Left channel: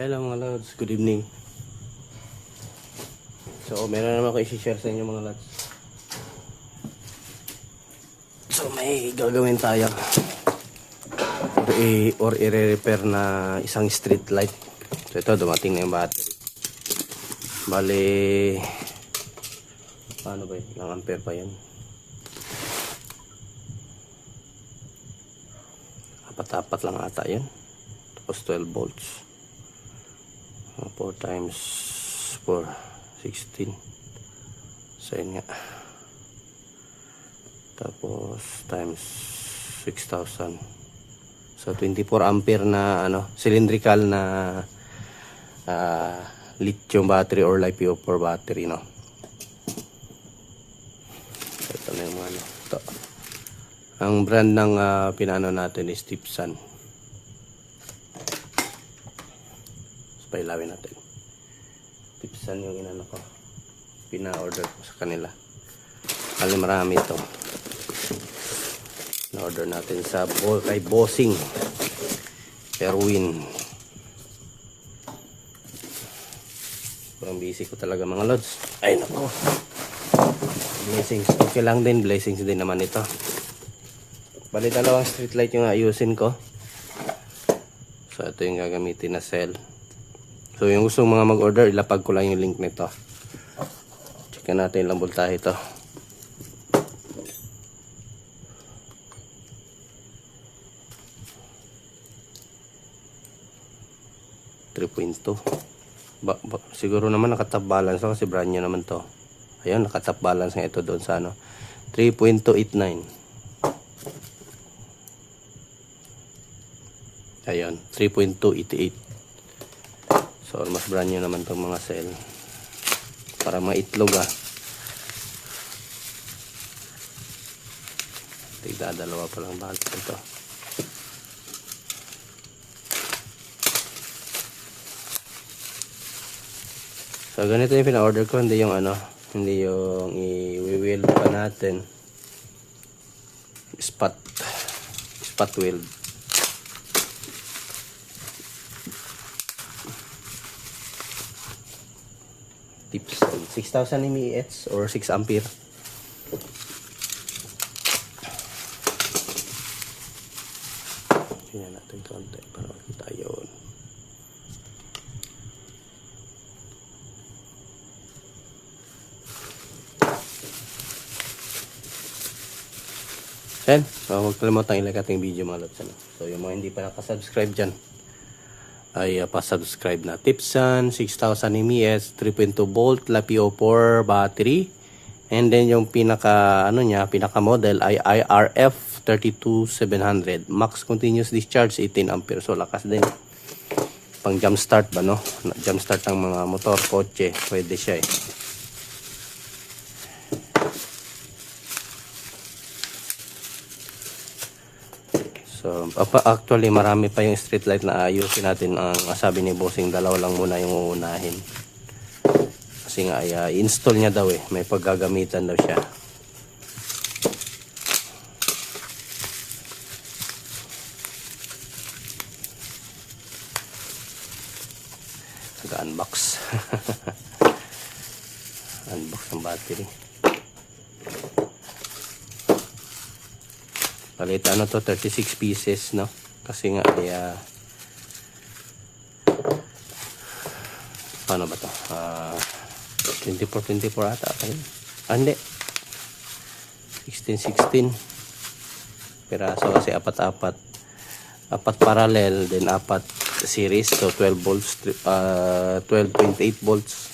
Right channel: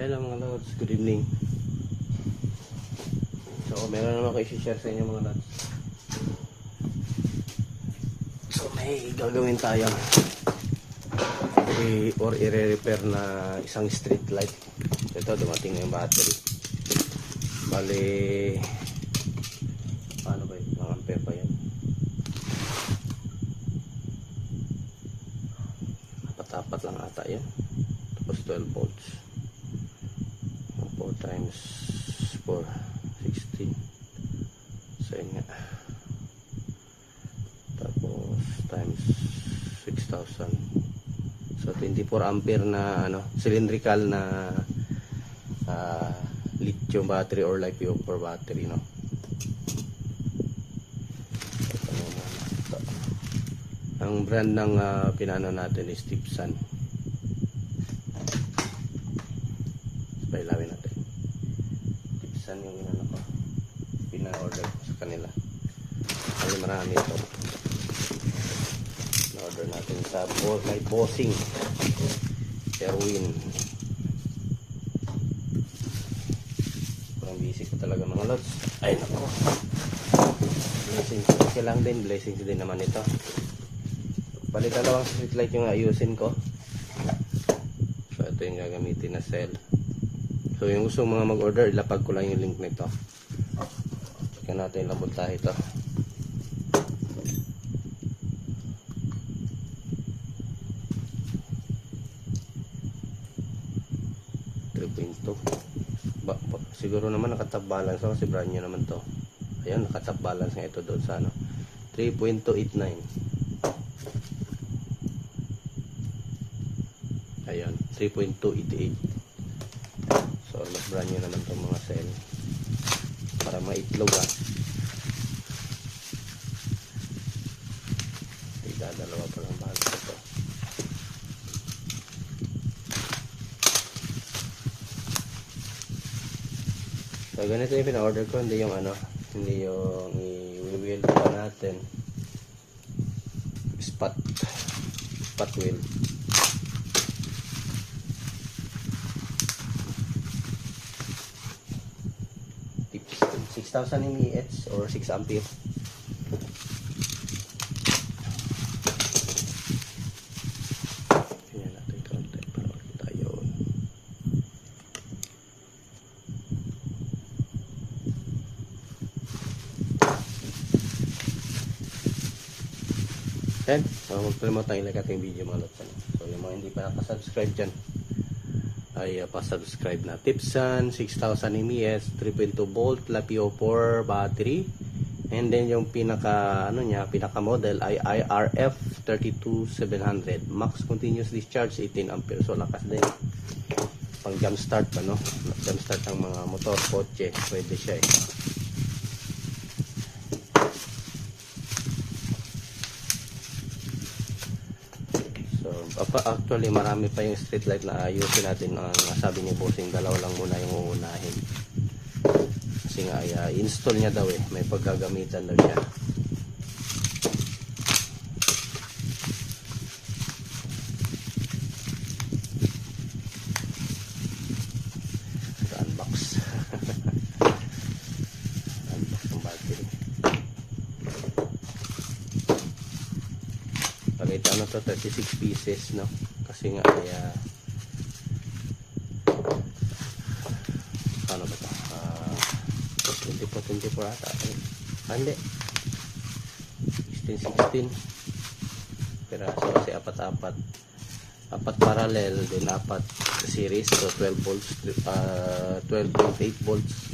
Hello mga lods, good evening. So meron naman ako i-share sa inyo mga lods. So may gagawin tayo or i-repair na isang street light. So ito, dumating na yung battery. Bale, ano ba yun? Ilang ampere pa yan? Apat-apat lang ata yan. Tapos 12 volts. 4 times 4, 16. So yun nga. Tapos times 6,000. So 24 ampere na cylindrical na lithium battery or LiPo4 battery, no. Ito na yung ito. Ang brand ng pinano natin is Tipsan. Pailawin natin. Tipsan yung inano ko. Pina-order ko sa kanila. Ano, marami ito. Na-order natin sa kay Bossing Erwin. Parang busy ko talaga mga lods. Ay nako. Blessings. Okay lang din. Blessings din naman ito. Bali dalawang street light yung ayusin ko. So ito yung gagamitin na cell. So yung gusto mga mag-order, ilapag ko lang yung link nito. Checkan natin ilang voltahe ito. Siguro naman nakatap balance kasi brand new naman to. Ayun, nakatap balance nga ito doon sa 3.289. Ayun, 3.288. So mas brand new naman itong mga cell. Para maitlog Tigdadalawa pa lang balance ito. So ganito yung pina-order ko, hindi yung hindi yung i-weld pa natin. Spot weld. Tips 6,000 mAh or 6 ampere. Tingnan natin konti para makita yun. Yan. So, huwag kalimutan i-like ating video mga lods. So yung mga hindi pa nakasubscribe dyan ay pa-subscribe na. Tipsan 6,000 mAh 3.2 volt LiPo4 battery, and then yung pinaka pinaka model ay IRF 32700 max continuous discharge 18 ampere. So lakas din pang jump start ba, jump start ang mga motor, kotse, pwede siya So actually marami pa yung street light na ayusin natin. Ang sabi ni Bossing, dalawa lang muna yung uunahin. Kasi nga i-install niya daw may paggagamitan daw siya. Unbox. Unbox ng battery. Palit to 36 pieces, no? Kasi nga paano ba to? 24 ata. Hindi. 16 piraso kasi apat parallel, then apat series, so 12 volts, 12.8 volts.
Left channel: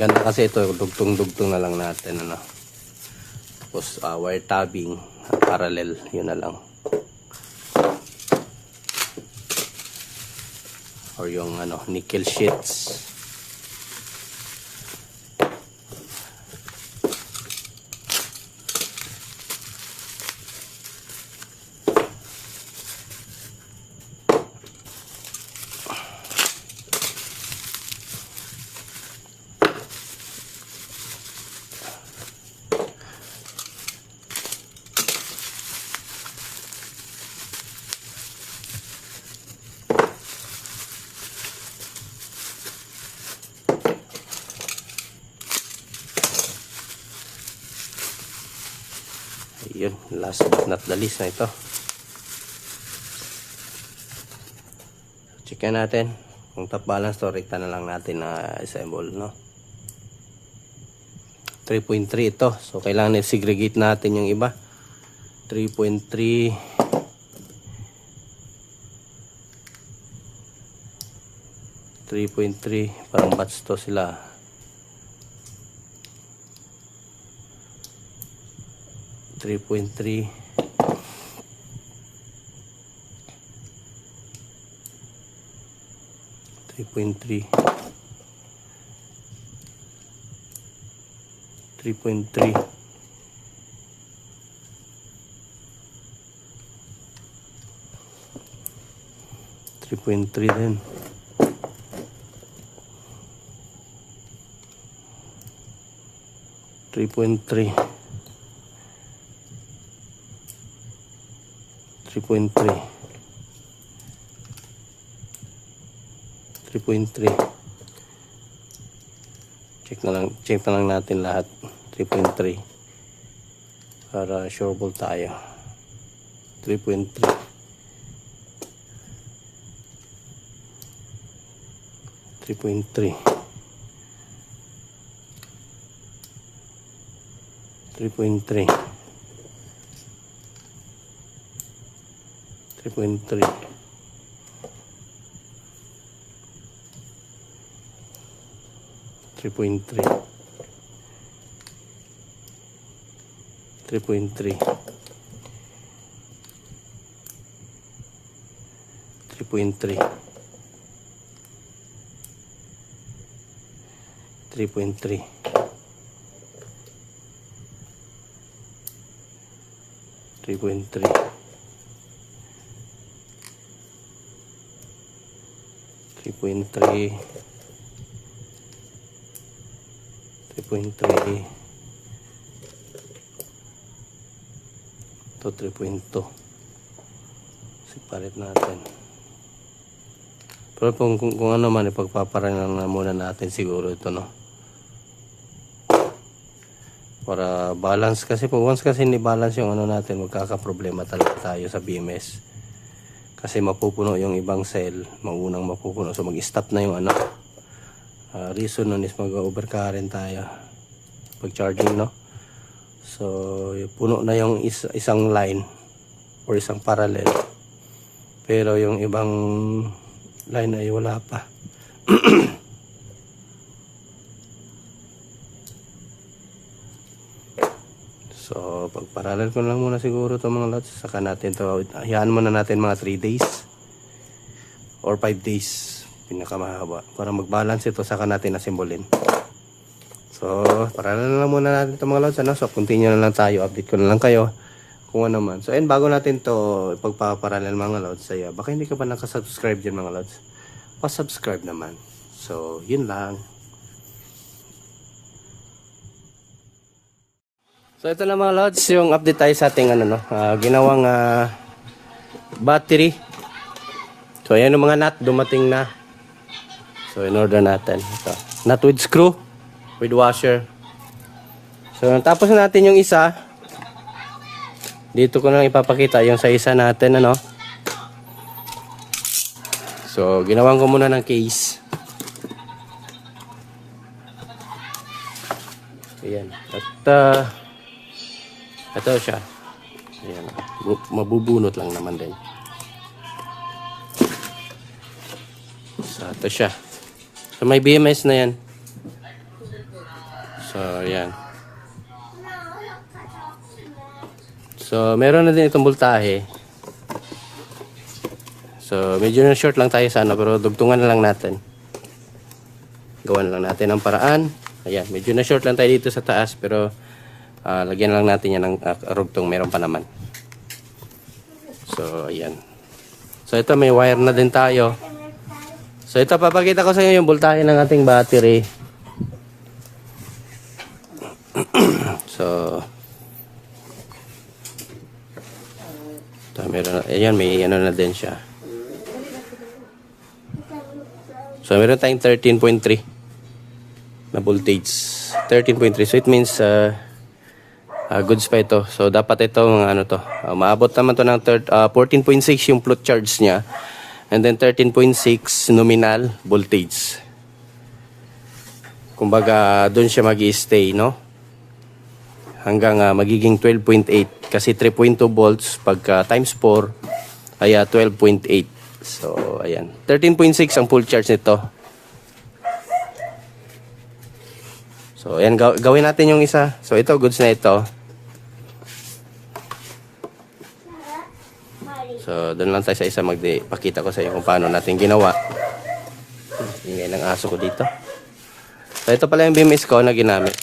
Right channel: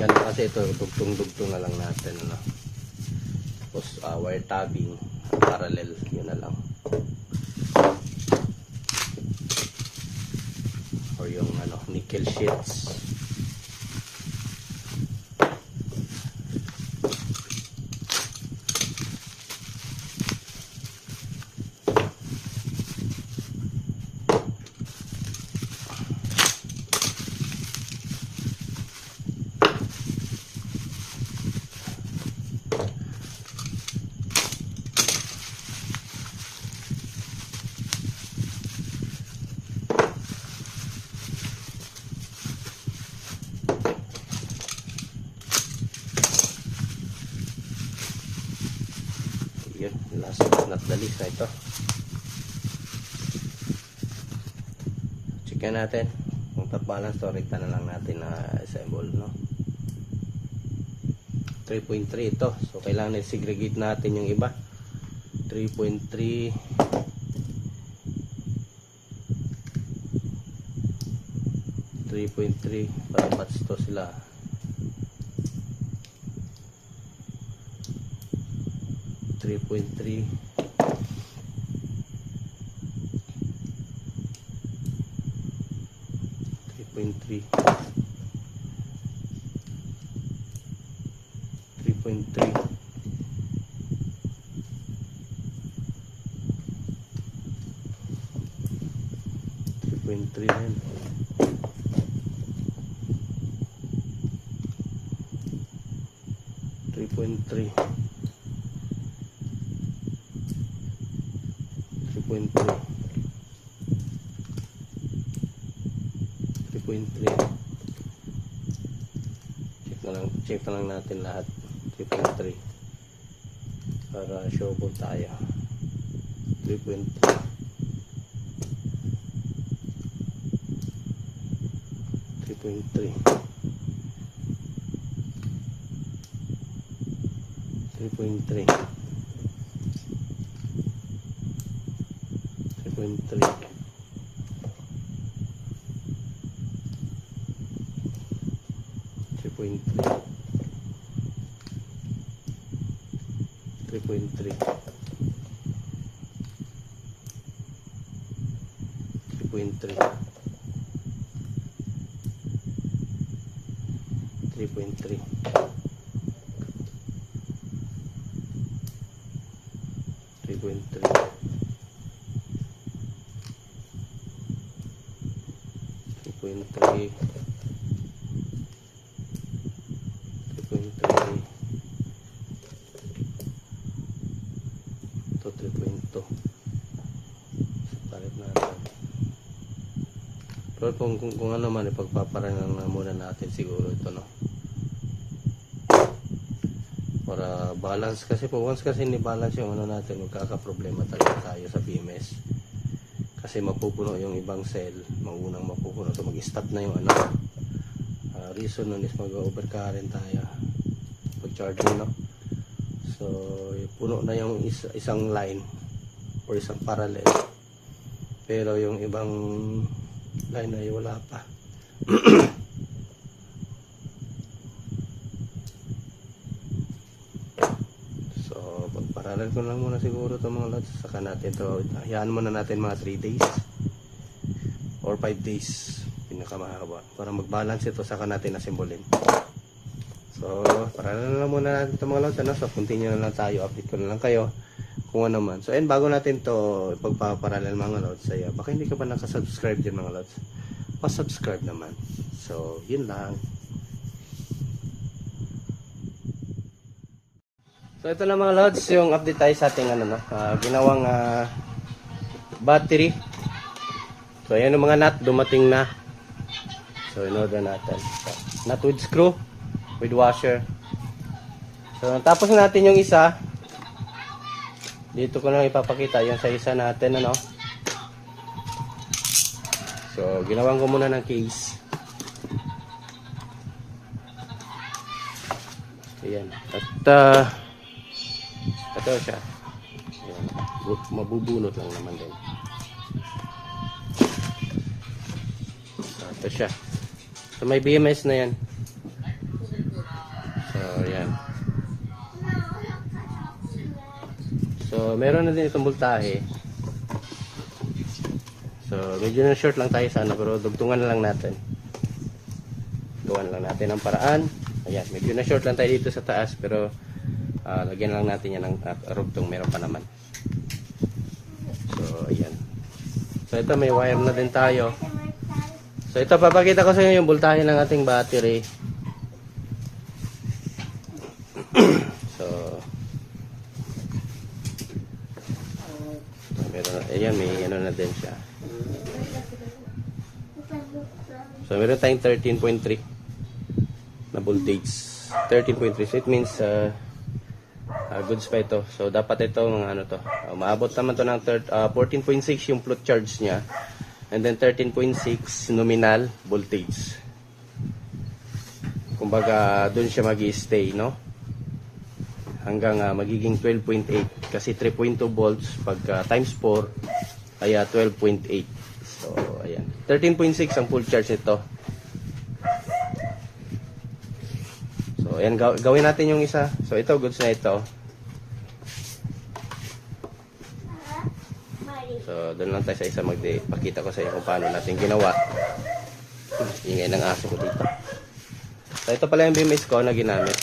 Ganda kasi ito, dugtong na lang natin tapos wire tabbing parallel, yun na lang, or yung nickel sheets. yun, last but not the least na ito. Check natin kung top balance to, rekta na lang natin na assemble, no. 3.3 ito, so kailangan i-segregate natin yung iba. 3.3, 3.3, parang batch to sila. 3.3, 3.3, 3.3, 3.3 din. 3.3, 3.3, 3.3. Check na lang natin lahat. 3.3 para sureball tayo. 3.3, 3.3, 3.3, 3.3, 3.3, 3.3, 3.3, 3.3, 3.3, 3.3, 3.3, ito 3.2. Separate natin. Pero kung ano man, ipagpaparangan na muna natin siguro ito, no, para balance. Kasi po once kasi hindi balance yung ano natin, magkakaproblema talaga tayo sa BMS. Kasi mapupuno yung ibang cell, maunang mapupuno, so mag-stop na yung ano. Reason nun is mag-overcurrent tayo pag charging, no. So puno na yung isang line or isang parallel, pero yung ibang line ay wala pa. So pag parallel ko lang muna siguro itong mga lots, saka natin to, hayaan muna natin mga 3 days or 5 days pinakamahaba para mag-balance ito, saka natin asimbolin. So parallel na lang muna natin itong mga lots, ano? So continue na lang tayo, update ko na lang kayo kung ano man. So and bago natin to ipagpaparallel mga lots, ay baka hindi ka pa nakasubscribe dyan mga lots, pa-subscribe naman. So yun lang. So ito na mga lods, yung update tayo sa ating ano, no, ginawang battery. So ayan yung mga nut, dumating na. So in order natin ito, nut with screw, with washer. So tapos na natin yung isa. Dito ko na lang ipapakita yung sa isa natin, ano. So ginawan ko muna ng case. Ayan. At ito siya. Ayan. Mabubunot lang naman din. So ito siya. So may BMS na yan. So ayan. So meron na din itong voltahe. So medyo na short lang tayo sa ano, pero dugtungan na lang natin. Gawan lang natin ang paraan. Ayan, medyo na short lang tayo dito sa taas, pero lagyan lang natin yan ng rugtong, meron pa naman. So ayan. So ito may wire na din tayo. So ito papakita ko sa inyo yung voltahe ng ating battery. So ito, meron, ayan, may ano na din siya. So meron tayong 13.3 na voltage. 13.3, so it means Goods pa ito. So dapat ito mga ano to. Maabot naman to ng 14.6 yung float charge niya. And then 13.6 nominal voltage. Kumbaga doon siya magi-stay, no? Hanggang magiging 12.8 kasi 3.2 volts pagka times 4 ay 12.8. So ayan. 13.6 ang full charge nito. So, ayan, gawin natin yung isa. So, ito, goods na ito. So, doon lang tayo sa isa magpakita ko sa inyo kung paano natin ginawa. Ingay ng aso ko dito. So, ito pala yung BMS ko na ginamit.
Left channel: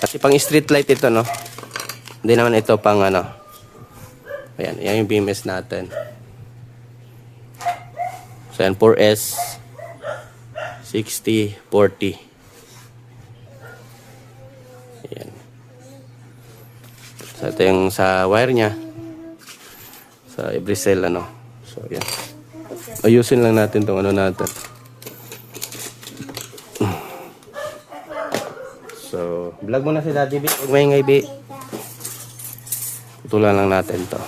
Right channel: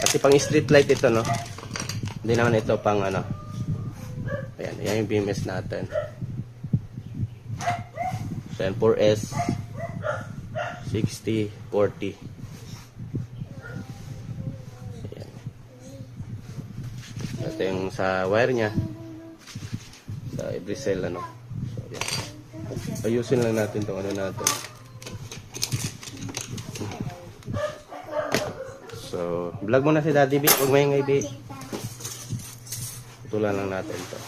Kasi pang street light ito, no? Hindi naman ito pang ano. Ayan, yan yung BMS natin. So, yan, 4S. 60, 40. Ayan. So, ito yung sa wire niya. Sa every cell, ano. So, ayan. Ayusin lang natin itong ano natin. So, vlog mo na si Daddy B. Huwag maingay, B. Tutulan lang natin to.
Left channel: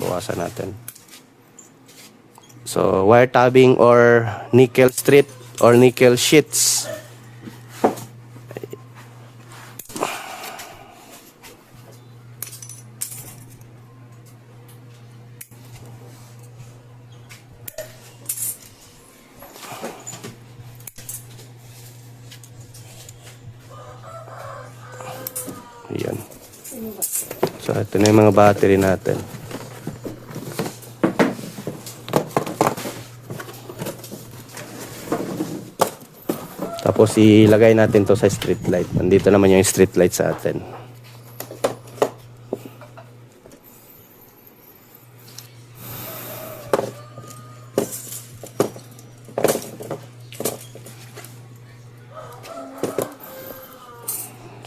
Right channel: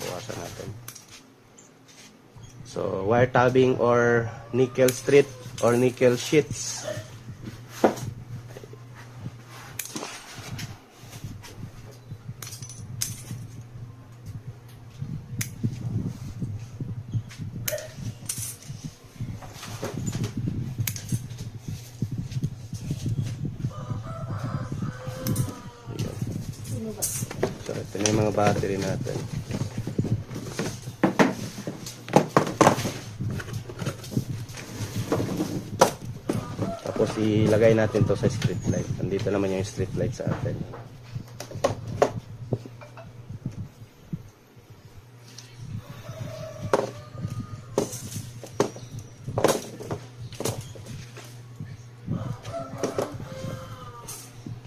Bawasan natin. So, wire tabbing or nickel strip or nickel sheets. Ayan. So, ito na yung mga battery natin. Tapos ilagay natin to sa street light. Nandito naman yung street light sa atin.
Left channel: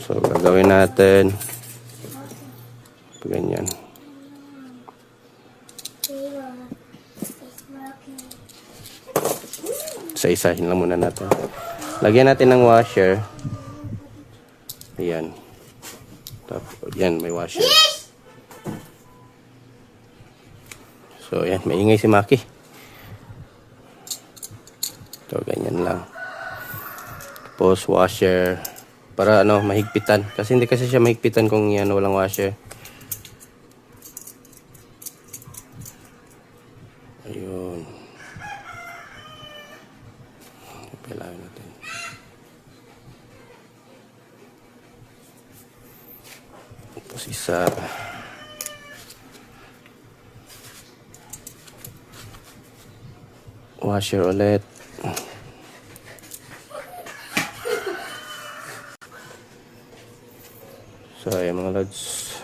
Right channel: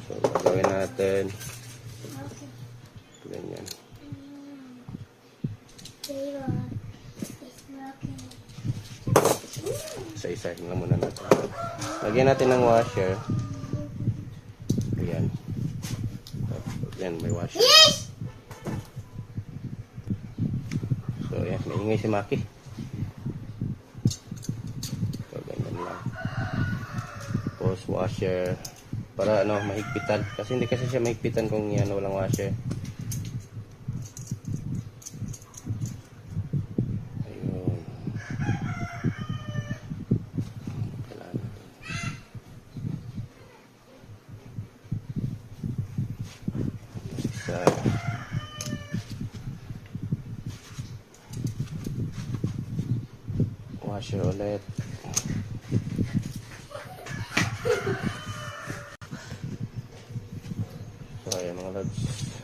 So gagawin natin ganyan. Isa-isahin lang muna natin. Lagyan natin ng washer. Ayan. Tapos, yan, may washer. So, ayan, maingay si Maki. So, ganyan lang. Tapos, washer. Para, ano, mahigpitan. Kasi hindi kasi siya mahigpitan kung yan, walang washer. Sa washer ulit. So ayan mga lods,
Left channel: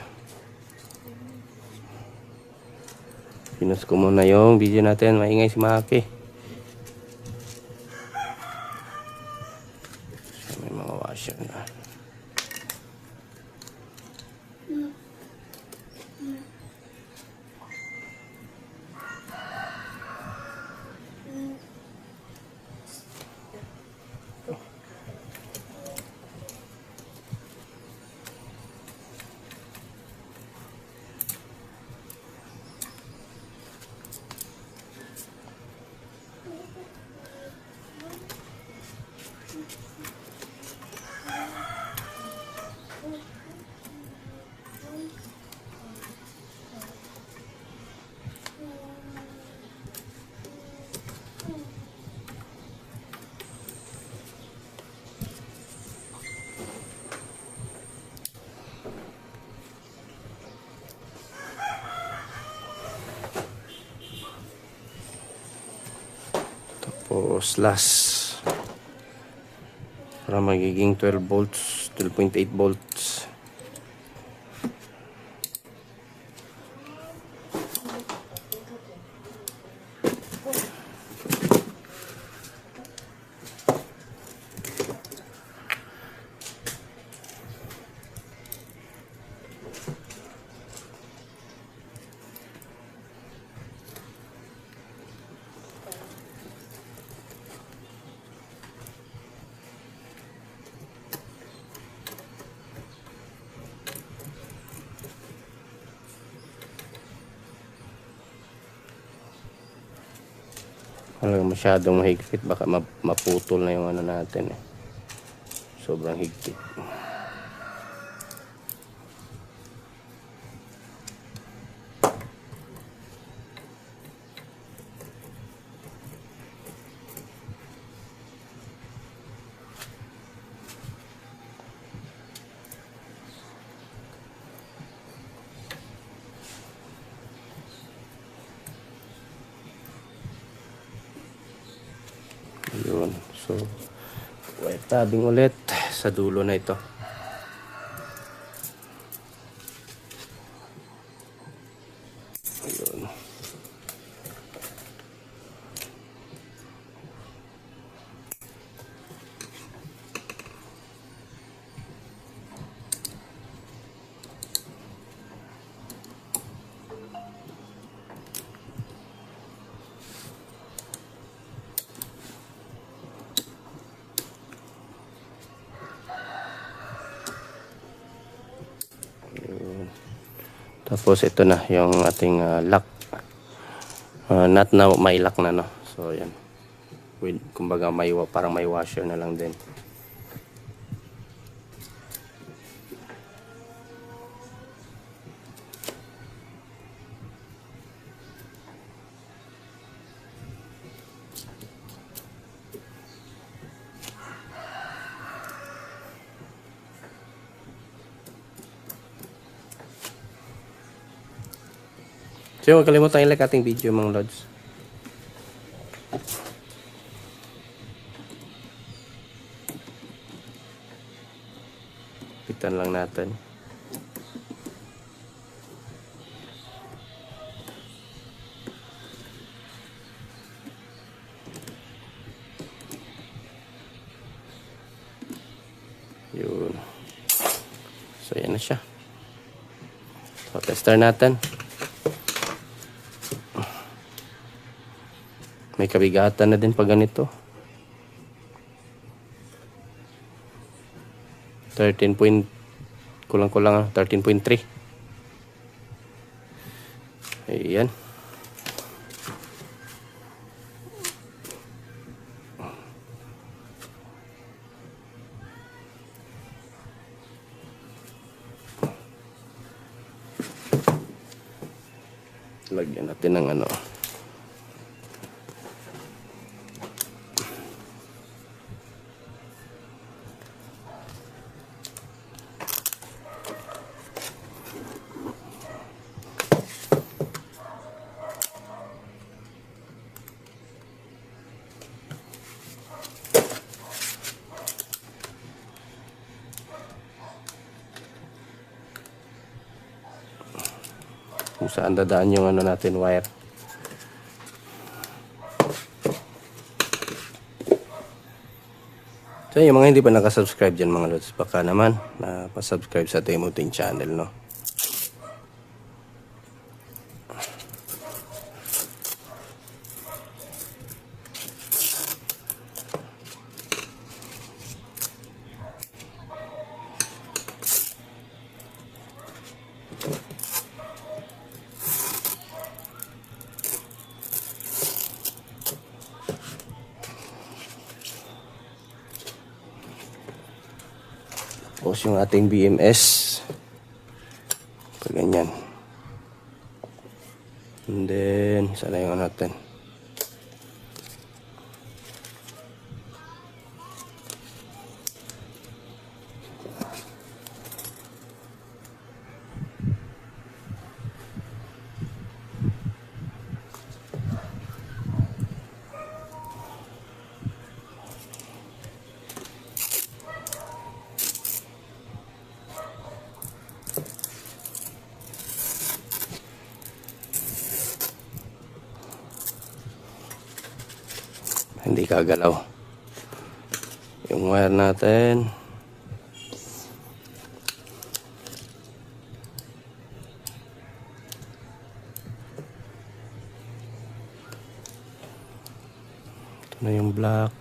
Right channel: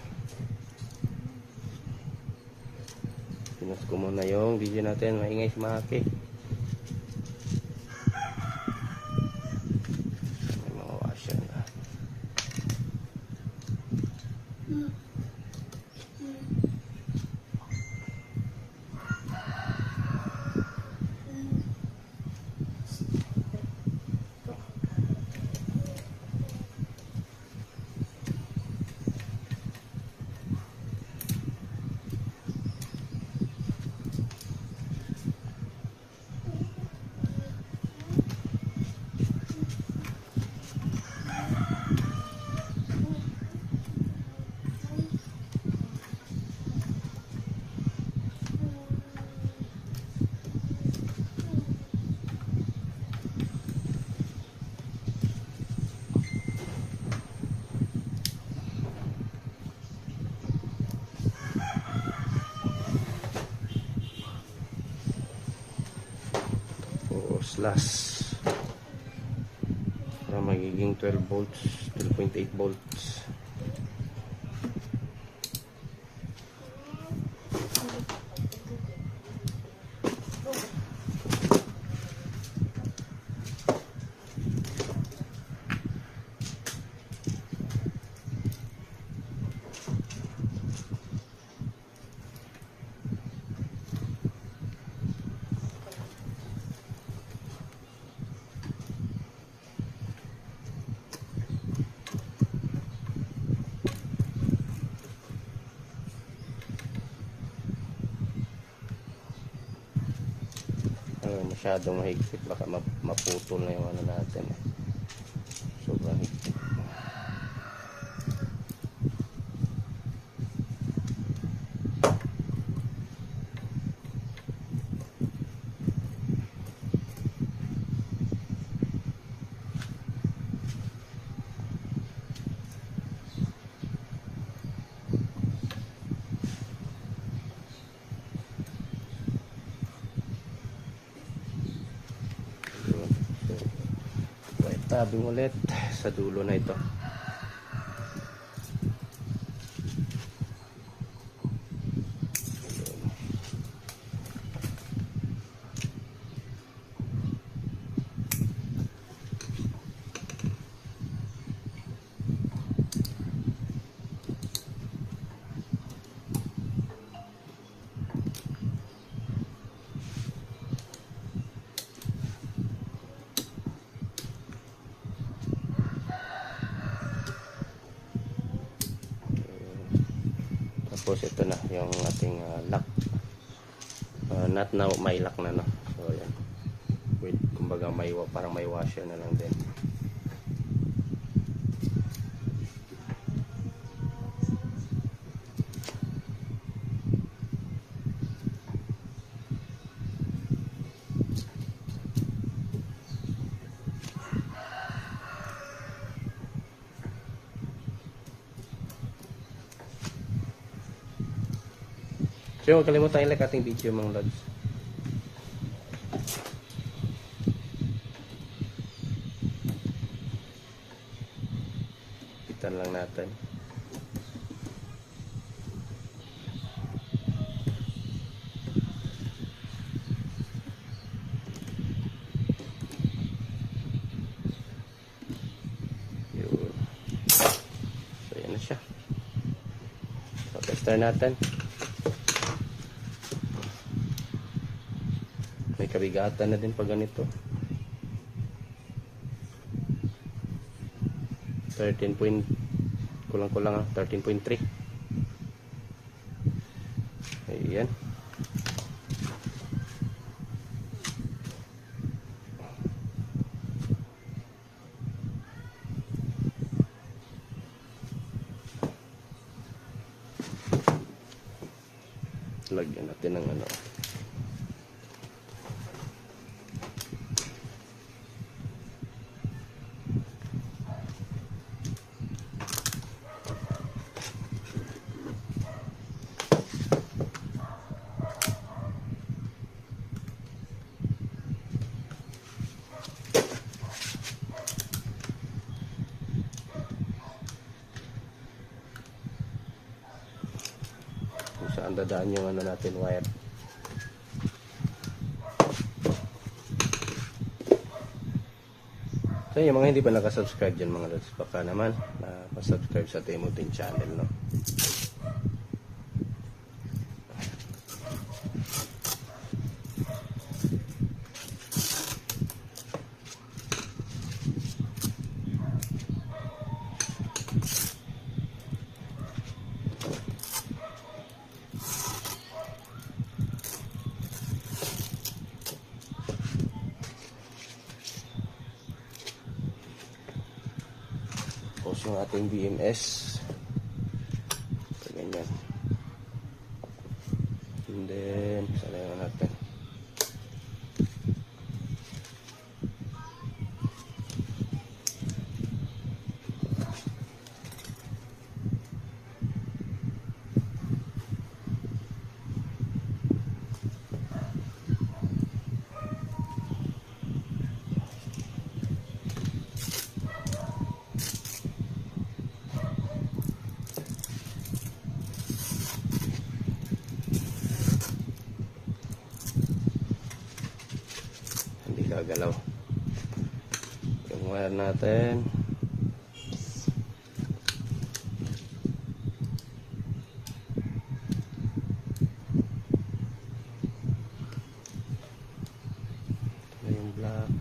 pinos ko muna yung video natin. Maingay si Maki. May mga washer na. Tapos last para magiging 12 volts, 12.8 volts. Talagang masyadong mahigpit, baka maputol na yung ano natin eh. Sobrang higpit. Yun. So, white tabbing ulit sa dulo na ito. Ayun. Tapos ito na yung ating lock. Not na may lock na, no. So yan. Kumbaga parang may washer na lang din. So huwag kalimutan i-like ating video mga lods. Pitan lang natin. Yun. So yan na siya. So tester natin. May kabigatan na din pag ganito. 13 point kulang-kulang 13.3. Ayan. Lagyan natin ng ano. Kung saan dadaan yung ano natin wire. So yung mga hindi pa nakasubscribe dyan mga lods, baka naman pa-subscribe sa Timothy channel, no. Tapos yung ating BMS ganyan, and then sana yung natin hindi kagalaw yung wire natin. Ito na yung black,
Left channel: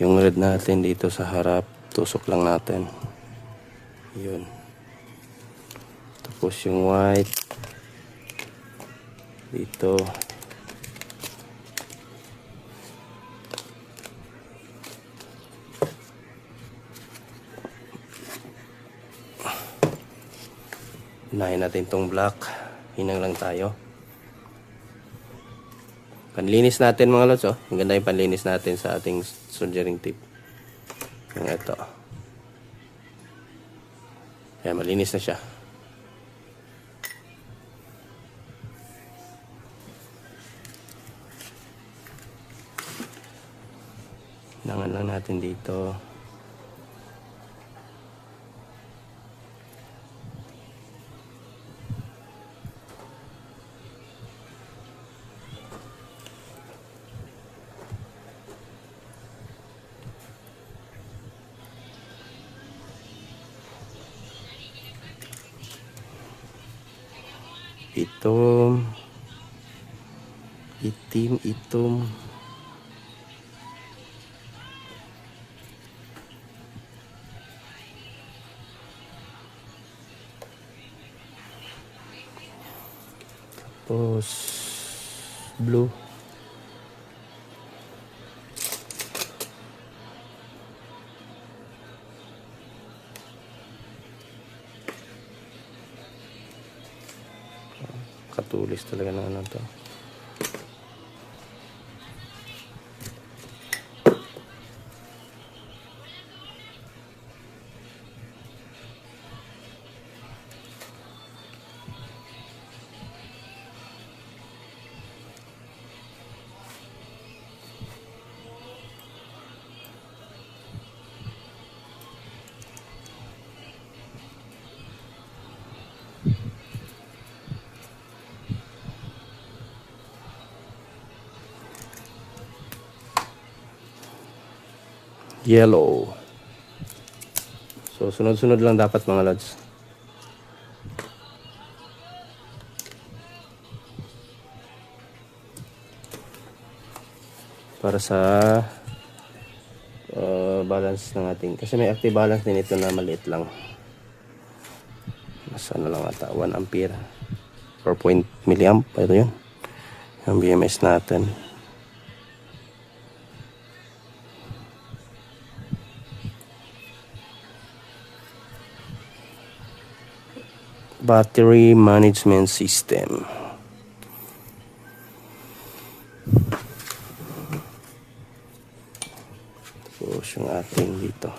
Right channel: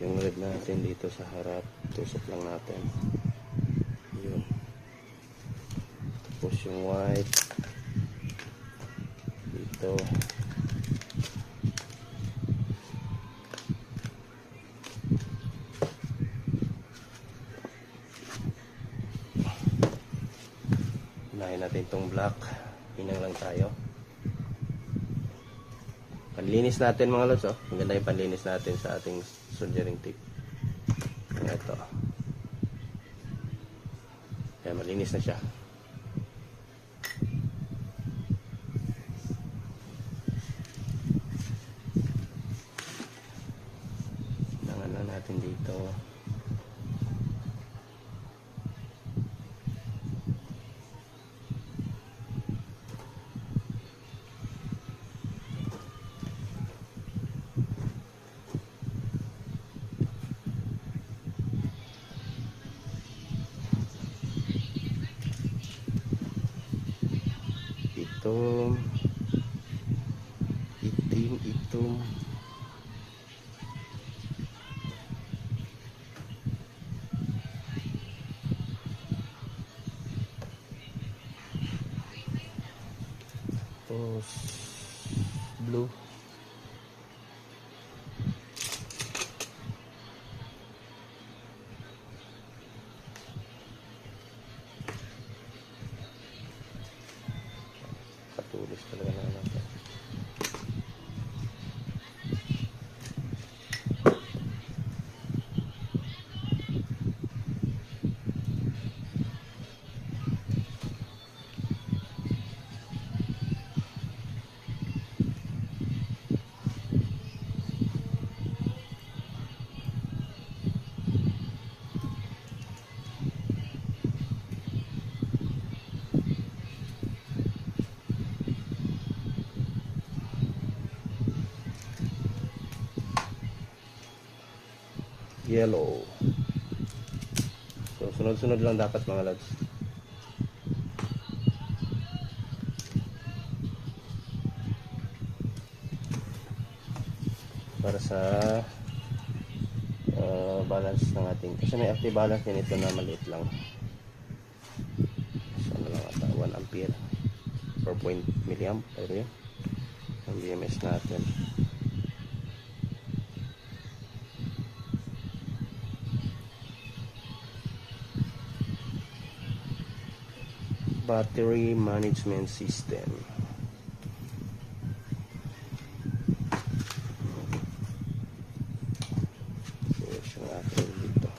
yung red natin dito sa harap, tusok lang natin yun. Tapos yung white dito, Unahin natin tong black. Hinang lang tayo. Panlinis natin mga lods, oh. Ang ganda yung panlinis natin sa ating soldering tip. Yung ito. Ayan, malinis na siya. Hinangan lang natin dito. Itom, itim. Tapos blue. Katulis talaga na ano to. Yellow. So sunod-sunod lang dapat mga lads. Para sa balance ng ating, kasi may active balance din ito na maliit lang. Mas ano lang ata, 1 ampere 4 milliamp. Ito yun yung BMS natin. Battery management system. Tapos yung ating dito.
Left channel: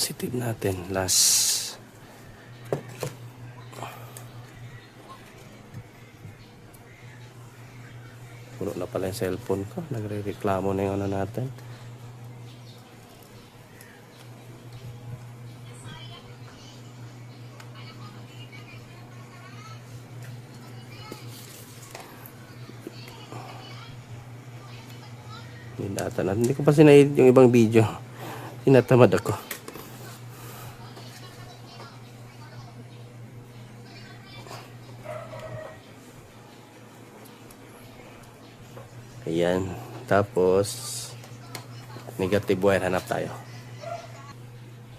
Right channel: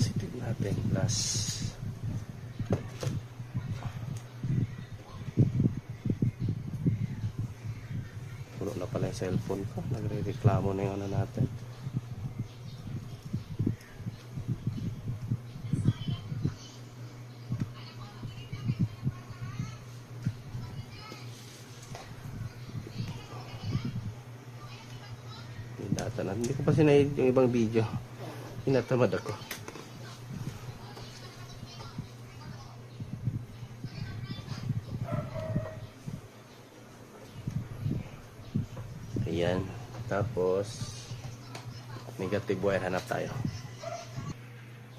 Positive natin last. Puno na pala yung cellphone ko, nagre-reklamo na yung ano natin. Hindi ko pa sinahid yung ibang video, tinatamad ako. Ayan. Tapos negative wire, hanap tayo.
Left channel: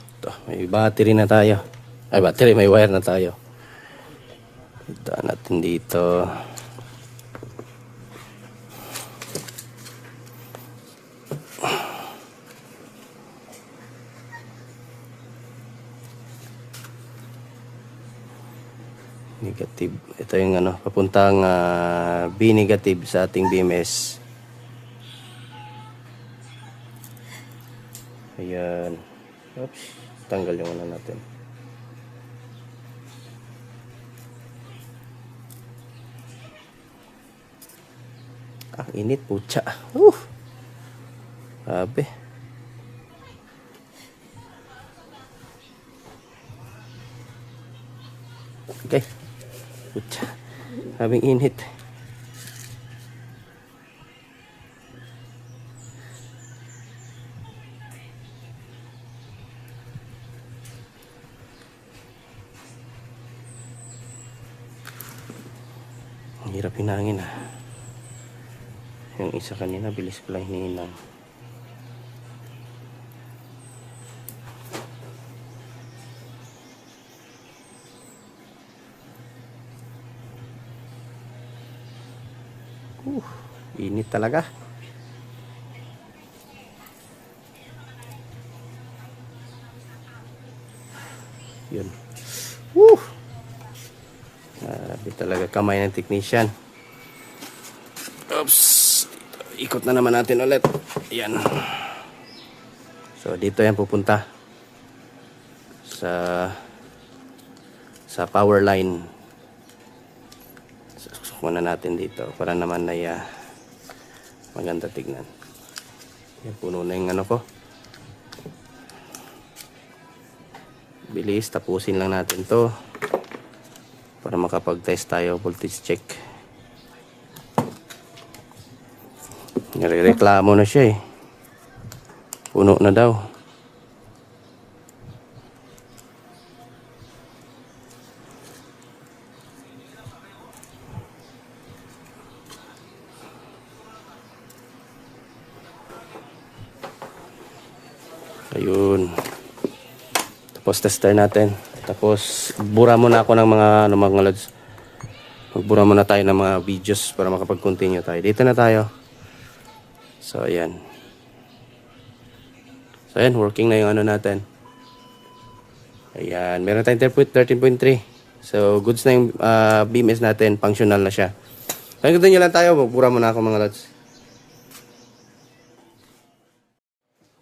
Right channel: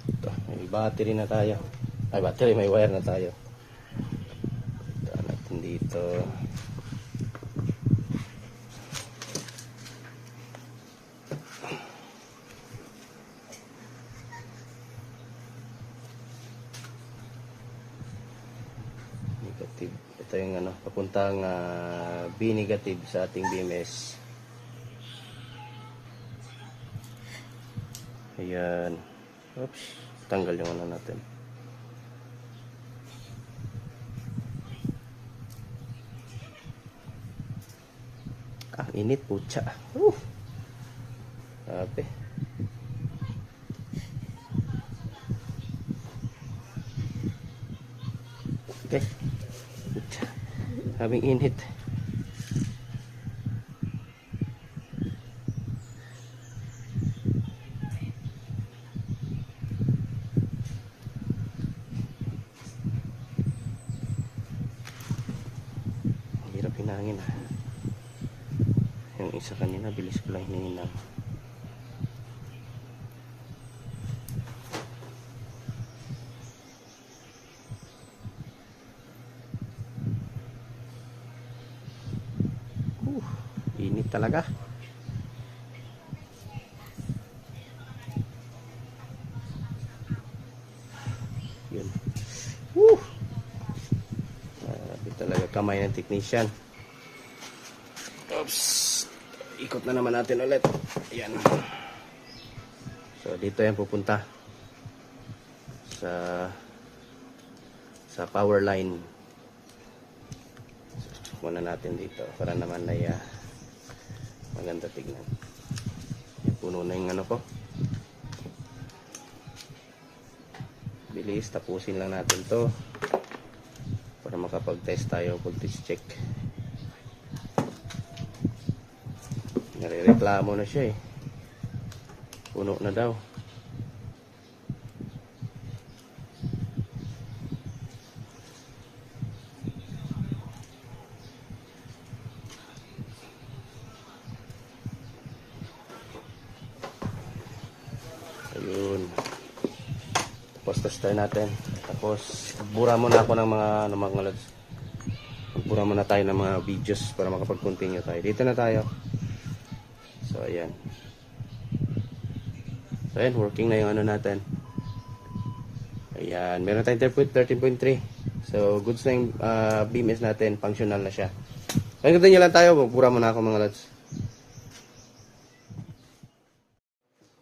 Ito, may battery na tayo. Ay, battery, may wire na tayo. Ito natin dito. Negative. Ito yung ano, papuntang B negative sa ating BMS. Ayan. Oops. Tanggal yung ano natin. Ang init, putya. Grabe. Okay. Putya. Sabing init. Ang hirap hinangin ah. Yung isa kanina, bilis ko lang hinihinang. Init talaga. Yun. Grabe talaga kamay ng technician. Oops. Ikot na naman natin ulit. Ayan. So dito yan pupunta. Sa power line. Susuk muna natin dito para naman ay maganda tignan. Yan, puno na yung ano ko. Bilis, tapusin lang natin to para makapag-test tayo, voltage check. Nirereklamo na siya eh. Puno na daw. Ayun. Tapos tester natin. Tapos bura muna ako ng mga lods. Magbura muna tayo ng mga videos para makapag-continue tayo. Dito na tayo. So ayan. So ayan, working na yung ano natin. Ayan, meron tayong 13.3. So goods na yung BMS natin, functional na siya. Kaya nyo lang tayo, magbura muna ako mga lods.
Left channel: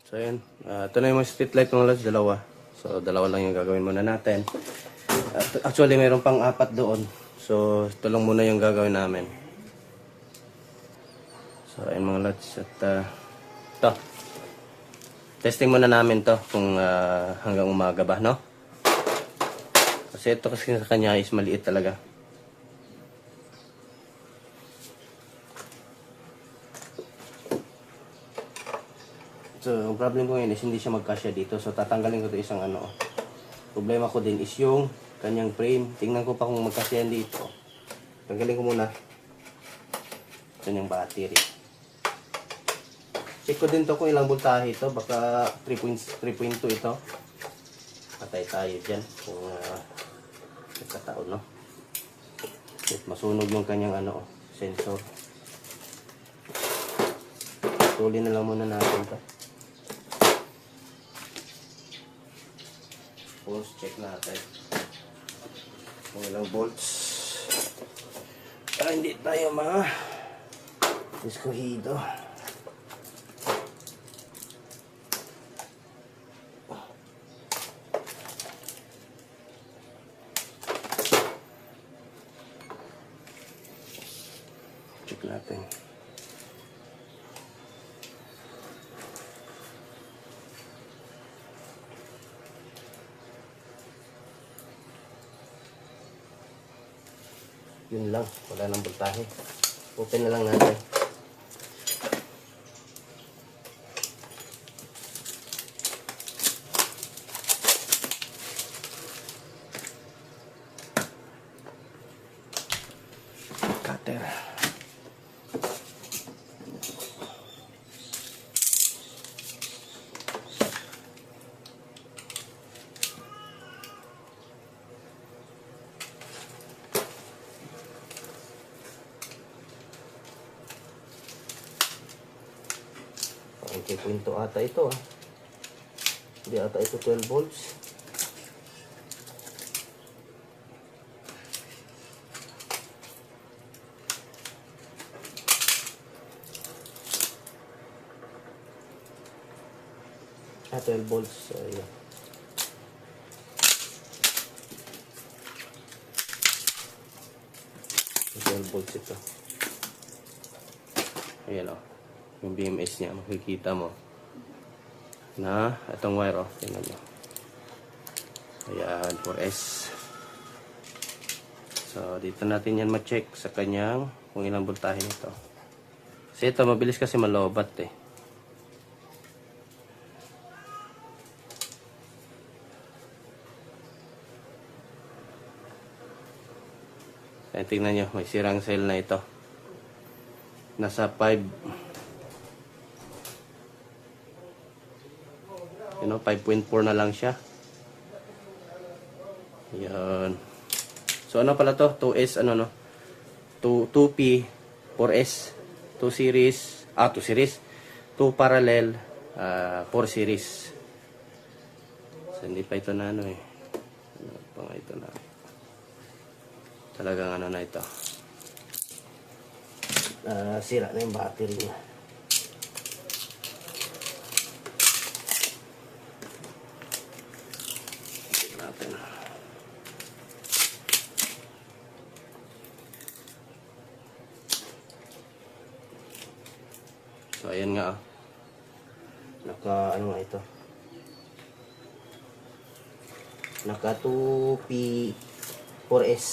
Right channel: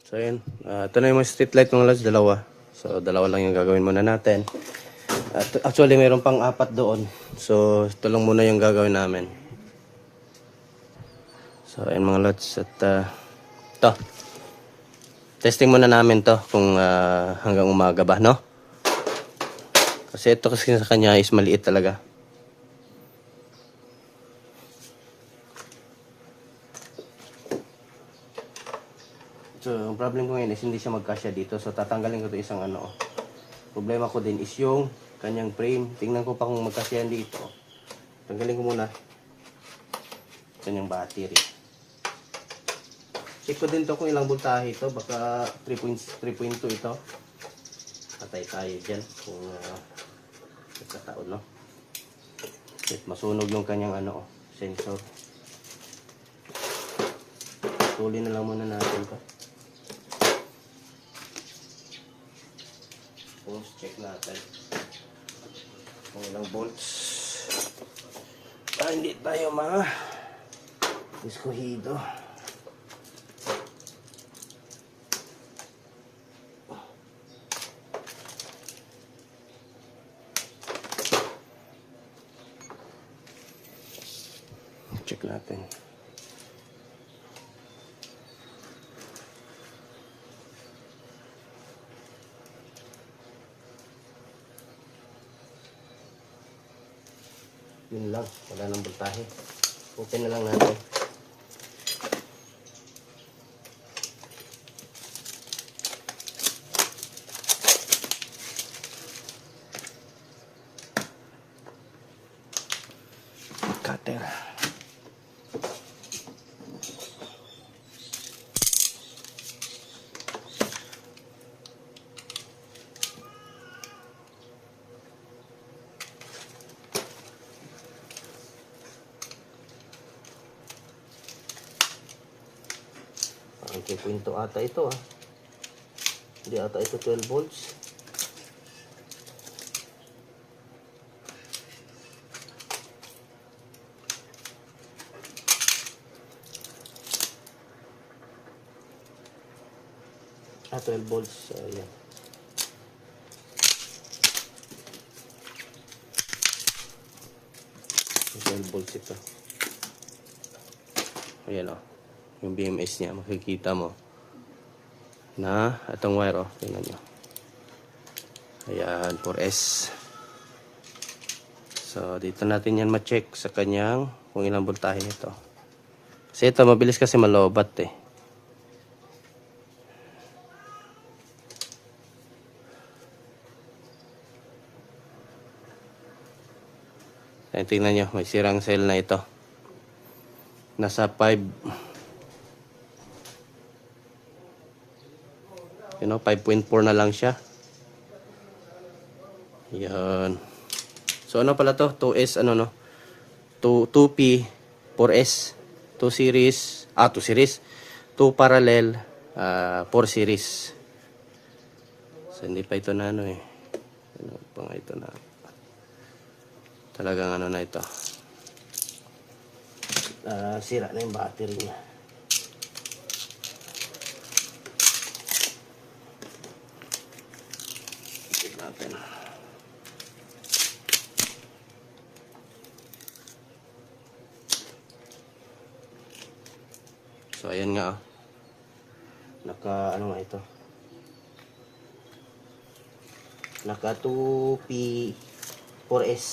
So ayan, ito na yung mga street light mga lods, dalawa. So dalawa lang yung gagawin muna natin. Actually mayroon pang 4 doon. So ito lang muna yung gagawin namin. So ayan mga lods, at ito. Testing muna namin to kung hanggang umaga ba, no? Kasi ito kasi sa kanya is maliit talaga. So, ang problem ko ngayon is hindi siya magkasya dito. So, tatanggalin ko ito isang ano. Problema ko din is yung kanyang frame. Tingnan ko pa kung magkasya dito. Tanggalin ko muna. Kanyang battery. Check ko din to kung ilang voltahe ito. Baka 3.2 ito. Patay tayo dyan. Kung nagkataon, no? At masunog yung kanyang ano, sensor. Tuloy na lang muna natin to. Volts check natin kung ilang volts para hindi tayo diskuhido. Check natin. Yun lang, wala nang voltahe. Open na lang natin. Cutter. Okay, punto ata ito ah. Hindi ata ito 12 volts. Ah, 12 volts. So, yun. Volts ito. Ayan o. Yung BMS niya, makikita mo na itong wire o. Tingnan mo. Ayan, 4S. So, dito natin yan ma-check sa kanyang kung ilang voltahe nito. Kasi ito, mabilis kasi malobat eh. Ayan, tingnan nyo, may sirang cell na ito. Nasa 5, 5.4 na lang siya. Yan. So ano pala to? 2S 2P 4S 2 series 2 parallel 4 series. So hindi pa ito na ano pa nga ito na talagang na ito. Sira na yung battery niya. Natin. So ayan nga naka nga ito, naka 2P 4S.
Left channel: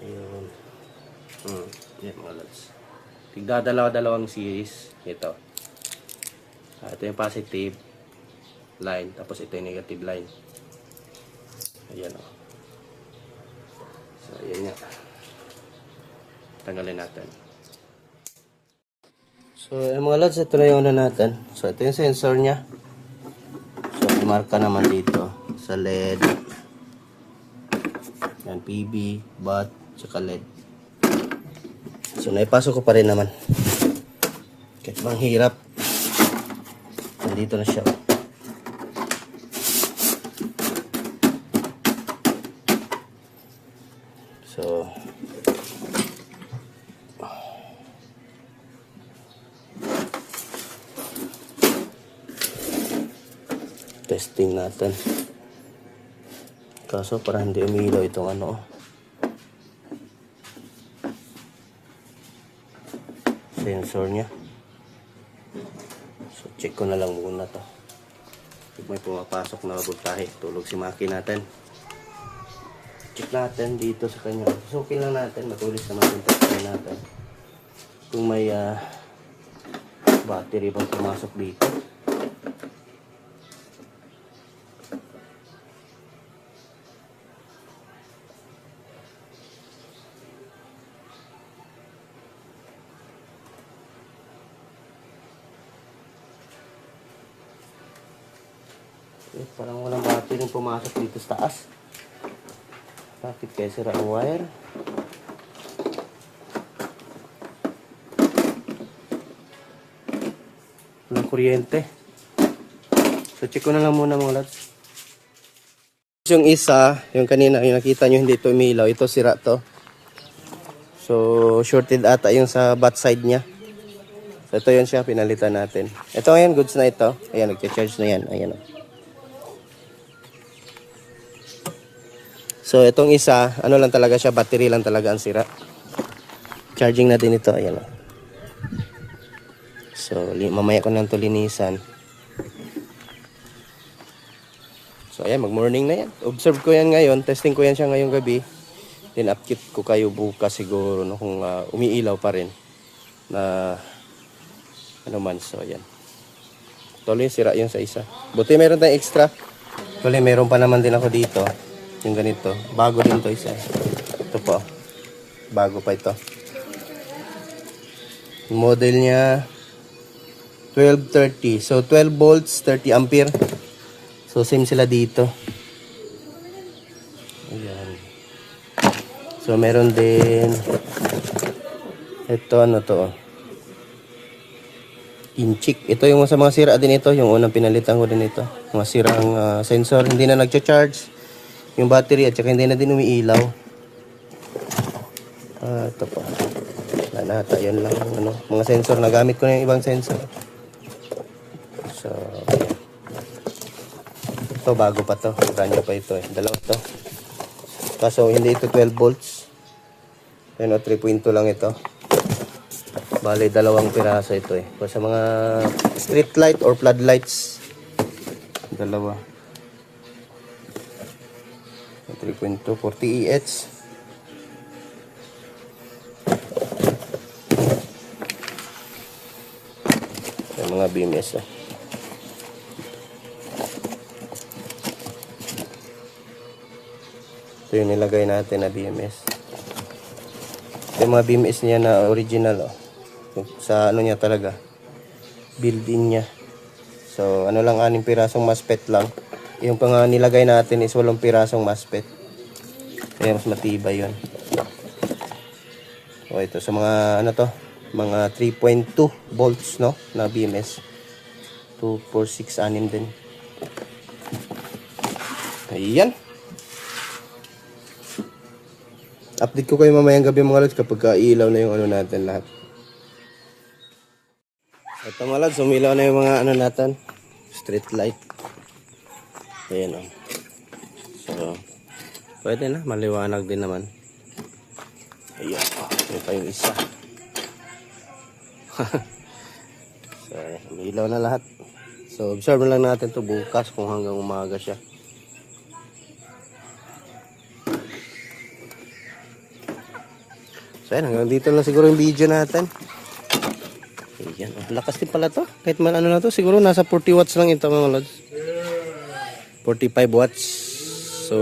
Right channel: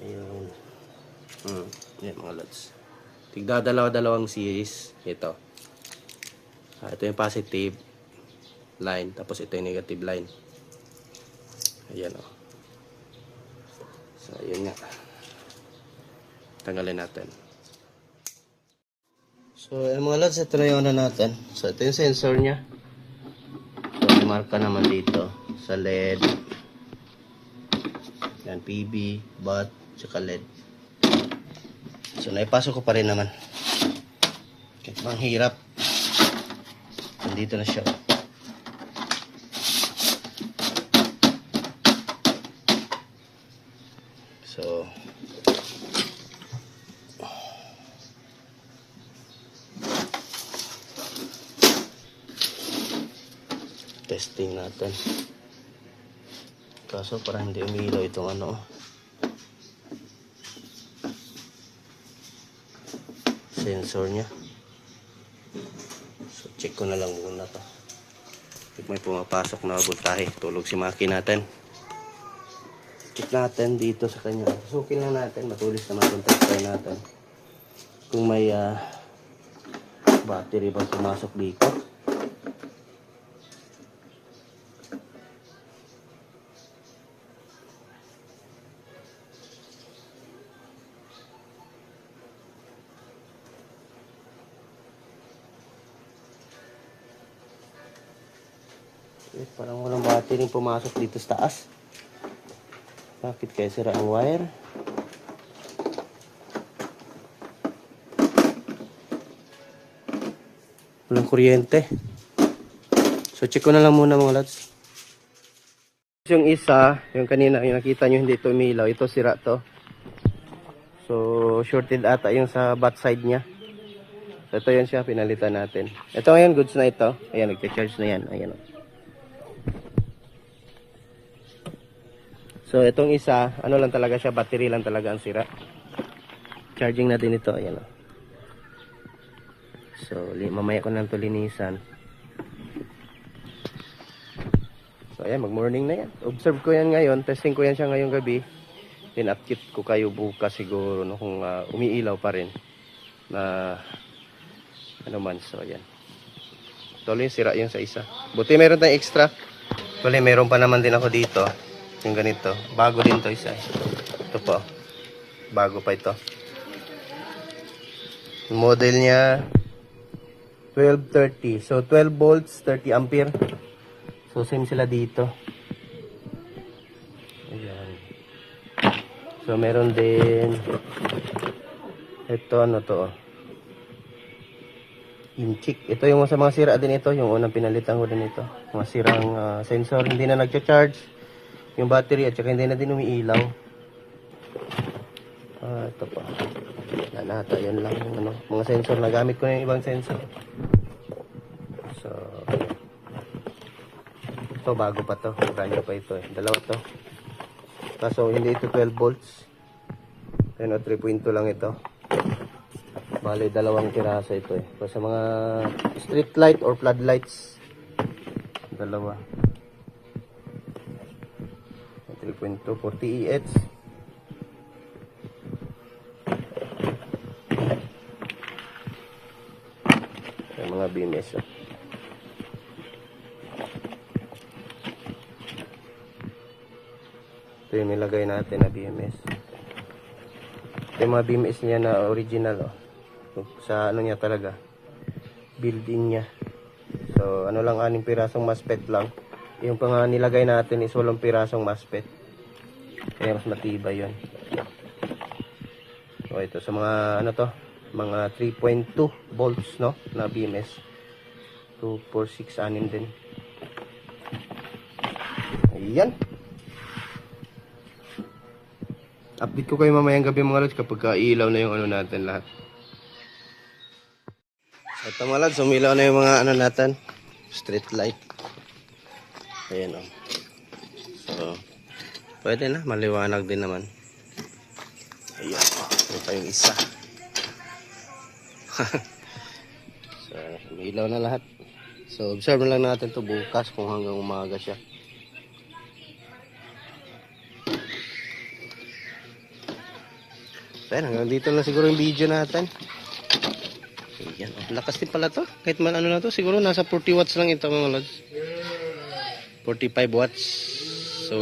Ayun. Yan mga lods, tigdadalawa-dalawang series ito. Ito yung positive line, tapos ito yung negative line. Ayan o. So ayan nga, tanggalin natin. So, mga lods, ito na yung natin. So, ito yung sensor niya. So, marka naman dito sa LED. Yan, PB, BOT, tsaka LED. So, naipasok ko pa rin naman. Kahit bang hirap. Nandito na siya. So, testing natin. Kaso parang hindi umilaw itong sensor nya. So check ko na lang muna to. Pag may pumapasok na voltahe, tulog si maki natin. Check natin dito sa kanya. Susukin lang natin, matulis naman yung test natin. Kung may battery bang pumasok dito. Parang walang battery pumasok dito sa taas. Bakit kaya sira ang wire? Walang kuryente. So check ko na lang muna mga lads. Yung isa, yung kanina yung nakita nyo hindi ito umilaw, ito sira to. So shorted ata yung sa bat side nya. So ito yan siya, pinalitan natin. Ito ngayon, goods na ito. Ayan, nag-charge na yan. Ayan. So itong isa, ano lang talaga siya, battery lang talaga ang sira. Charging natin ito, ayan. So mamaya ko nang to linisan. So ayan, mag-morning na yan. Observe ko yan ngayon, testing ko yan siya ngayong gabi. Then upkeep ko kayo bukas siguro kung umiilaw pa rin. Na ano man, so ayan. Tuloy sira yung sa isa. Buti meron tayong extra. Tuloy meron pa naman din ako dito. Yung ganito. Bago din to isa. Ito po. Bago pa ito. Model niya 1230. So 12 volts, 30 ampere. So same sila dito. Ayan. So meron din ito ano to. Inchik. Ito yung sa mga sira din ito. Yung unang pinalitan ko din ito. Mga sirang sensor. Hindi na nagcha-charge yung battery at saka hindi na din umiilaw. Ito pa. Nata, yun lang. Mga sensor. Nagamit ko na yung ibang sensor. So, ayan. Ito, bago pa to. Ganyan pa ito eh. Dalawa to. Kaso, hindi ito 12 volts. Yan o, 3.2 lang ito. Bale, dalawang piraso ito eh. Sa mga street light or floodlights. Dalawa. 3.2 40 EH. Yung mga BMS. Ito yung nilagay natin na BMS. Ito yung mga BMS niya na original. Sa ano niya talaga. Build-in niya. So ano lang, 6 pirasong MOSFET lang. Yung pang nilagay natin is 8 pirasong MOSFET. Kaya mas matibay yun. So ito sa mga ano to, mga 3.2 volts no na BMS. 2, 4, 6, 6 din. Ayan. Update ko kayo mamayang gabi mga lods kapag ilaw na yung ano natin lahat. Ito mga lods, umilaw na yung mga ano natin, street light. Ayan o. So, pwede na, maliwanag din naman. Ayan o, ito pa yung isa. So, umilaw na lahat. So, observe na lang natin to bukas kung hanggang umaga siya. So, hanggang dito lang siguro yung video natin. So, yan. Lakas din pala to. Kahit man ano na to, siguro nasa 40 watts lang ito mga lods. 45 watts. So,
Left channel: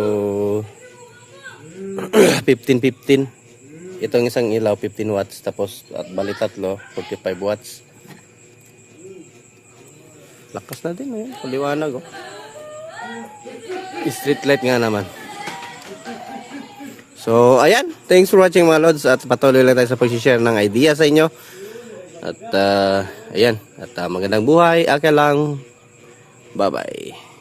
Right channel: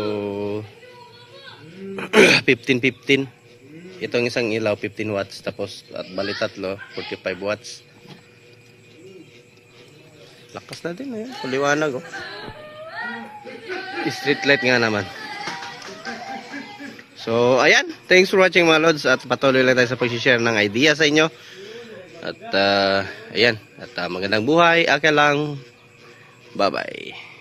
15. Itong isang ilaw, 15 watts. Tapos, at bali tatlo, 45 watts. Lakas na din. Ayan. Puliwanag, oh. Street light nga naman. So, ayan. Thanks for watching mga lods. At patuloy lang tayo sa pag-share ng idea sa inyo. At, ayan. At magandang buhay. Aka lang. Bye-bye.